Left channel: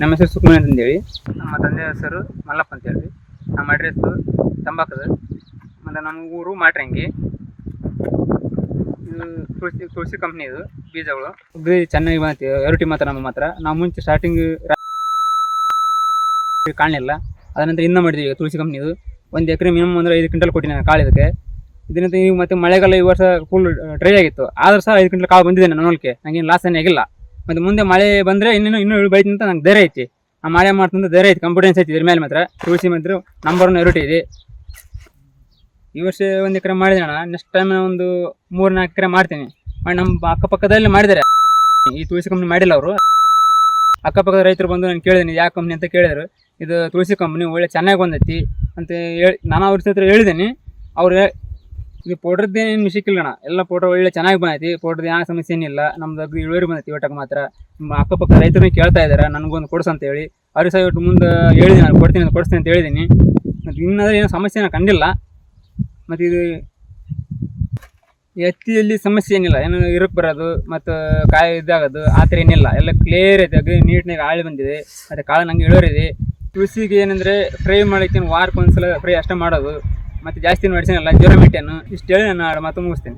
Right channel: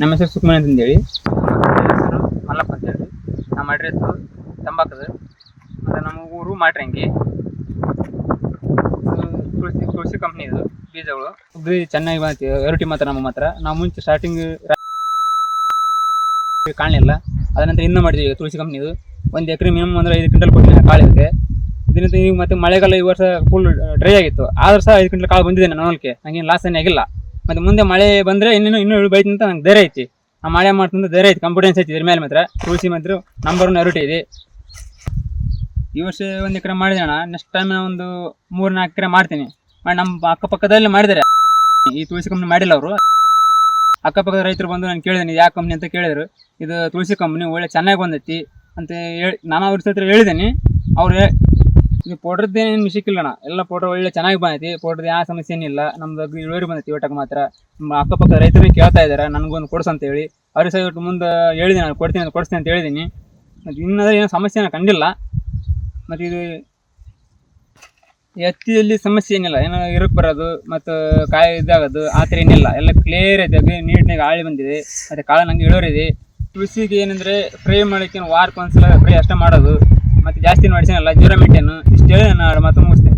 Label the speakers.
Speaker 1: ನಮ್ಮ ಹೆಸರು ಸುಕುಮಾರ್ ಅಂತ ಹೇಳಿ. ಮತ್ತೆ ಹೆಸರು ಮಲ್ಲಪ್ಪ ಅಂತೇಳಿ ನಮ್ಮ ಅಡ್ರೆಸ್ ತಂಬಾಕದ. ಮತ್ತೆ ನಮ್ಮ ಊರು ಮಾಡ್ರಂಗಿ ಇದು ತುಳಸಿ ತುಳಸಿ ಕಂಪ್ನಿ ಇದು ಬೀಜಗಳು. ಚೆನ್ನಾಗಿ ಬಂತು. ಎರಟಿ ಮಾತ್ರ ನಮ್ಮ ಮಾತ್ರ ನಾವು ಮುಂಚೆ ಸ್ಟಾರ್ಟಿಂಗ್ ಕಾಣಲಿಲ್ಲ ಅದನಂತರ ಇನ್ನೂ ಮಾಡಿದ್ವಿ ತುಳಸಿ ಕಂಪ್ನಿದು ಒಂದು ಎಕರೆ ಮಿನಿಮಮ್ ಅಂದ್ರೆ ಐದು ಕ್ವಿಂಟಲ್ ಕೊಟ್ಟಿದ್ದೀನಿ ಕಾಳು ಇದಕ್ಕೆ. ಇದರಿಂದ ಈಗ ಮತ್ತೆ ಮಳೆಗಾಲ ಈ ವರ್ಷ ಫುಲ್ ಡ್ರೈ ಆಗಿತ್ತು. ಆದ್ರೂ ಸಹ ಐದು ಕ್ವಿಂಟಲ್ ಕಾಳು ಬಂದಿದೆ ನನ್ನ ನೋಡಲಿಕ್ಕೆ. ನಂಗೇನು ಲಾಸ್ ಏನೇ ಆಗಿಲ್ಲ. ಮತ್ತೆ ಮುಂದೆ ಮಳೆ ಬಂದರೆ ಇನ್ನೂ ಇನ್ನೂ ಇಳು ಬೈತಿ ಅಂತ ನಂಗೆ ಧೈರ್ಯ ಐತಿ. ಆ ಮಳೆ ಮಾಡ್ತಂದ್ರೆ ಧೈರ್ಯ ಐತಿ ಕಾನ್ಫಿಡೆನ್ಸ್ ಐತಿ ಇದ್ರ ಮೇಲೆ ಮಾತ್ರ. ತುಳಸಿ ಮಾತ್ರ ನಂಬರ್ ಒನ್ ಎರಡು ಇದೆ. ಈ ವರ್ಷ ಒಂದು ಎಕರೆ ಅಣ್ಣ. ನೆಕ್ಸ್ಟ್ ಟೈಮ್ ಒಂದು ಮೂರು ನಾಲ್ಕು ಎಕರೆ ಮಾಡ್ತೀನಿ. ಮಾಡಿ ನಮ್ಮ ಅಕ್ಕಪಕ್ಕದಲ್ಲಿ ಮಾಡಿದ್ದಾರೆ. ಈ ತುಳಸಿ ಕಂಪ್ನಿ ಮಾಡಿಲ್ಲ ಅವರು. ಅಕ್ಕಪಕ್ಕದ ರೈತರು ಬಂದು ನಾನು ಕೇಳಿದ್ದೀನಿ ಯಾವ ಕಂಪ್ನಿ ಅಂತ ಕೇಳಿದ್ರು. ಇದು ತುಳಸಿ ಕಂಪ್ನಿ ಒಳ್ಳೆ ಚೆನ್ನಾಗಿ ಬಂದೈತಿ. ಅಂತ ಹೇಳಿ, ನಾನು ಅವ್ರ ಹತ್ರ ಹೇಳಿದ್ದೀನಿ ಅವ್ರು ಹೇ- ಇದು ಪೌಡ್ರದ್ದೇನು ಮಿಶಿಕ್ ಇಲ್ಲ ಅಣ್ಣ ಎಲ್ಲ ಪೌಡ್ರ್ ಒಳ್ಳೆ ಚೆನ್ನಾಗಿ ಬಂದೈತಿ. ಪೌಡ್ರದ್ದು ಯಾವ ಸಮಸ್ಯೆ ಏನಿಲ್ಲ ನಮ್ದು ಅಗ್ರಿ ಇಳುವರಿ ಬಂದೈತಿ ಒಟ್ಟಕ್ಕೆ ಮಾತ್ರ. ನಮ್ಮ ಅಕ್ಕಪಕ್ಕ ರೈತರು ಕೇಳ್ತಾ ಇದ್ದಾರೆ ನನಗೊಂದು ಕೊಡ್ಸು ಅಂತ ಹೇಳಿ ಅವ್ರಿಗೆ ಸಹ ಇವತ್ತು ಮುಂದೆ ಹೇಳಿದ್ದೀನಿ ನಾನು ಕೊಡ್ತೀನಿ ಅಂತ ಕೊಡಿಸ್ತೀನಿ ಅಂತ ಹೇಳಿದ್ದೀನಿ ಮತ್ತು ಏನೋ ಸಮಸ್ಯೆ ನಾನು ಕಂಡಿಲ್ಲ. ಮತ್ತು ಇದು ಎತ್ತಿಯಲ್ಲಿ ಸಮಸ್ಯೆ ಏನಿಲ್ಲ. ಏನೋ ಇರಕ್ಕೆ ಬರೋದು, ಮತ್ತು ಕಾಯಿ ಇದಾಗೋದು, ಆ ಥರ ಏನಿಲ್ಲ. ಎಲ್ಲ ಕ್ಲಿಯರ್ ಐತೆ. ಅಗ್ರಿ ನೀಟ್ನಾಗ ಆಳಿ ಬಂದಿದೆ. ಮತ್ತು ಕಾಳು ನಂಗೆ ಇಳುವರಿ ಇದೆ. ತುಳಸಿಗೆ ಏನಂದರೆ ಫ್ರೈ ಮಾಡೋಕ್ಕೆ ವಾರಕ್ಕೆ ಒಂದ್ಸಲ ಫ್ರೈ ಅಷ್ಟೇ ಮಾಡೋದು. ಮತ್ತು ಜಾಸ್ತಿ ಮಾಡಿಸಿನಲ್ಲ ಜ್ವರ ಮೆಂಟೇನು ಇಷ್ಟು ಹೇಳಿ ನಾನು ಮಾತು ಮುಗಿಸ್ತೇನೆ.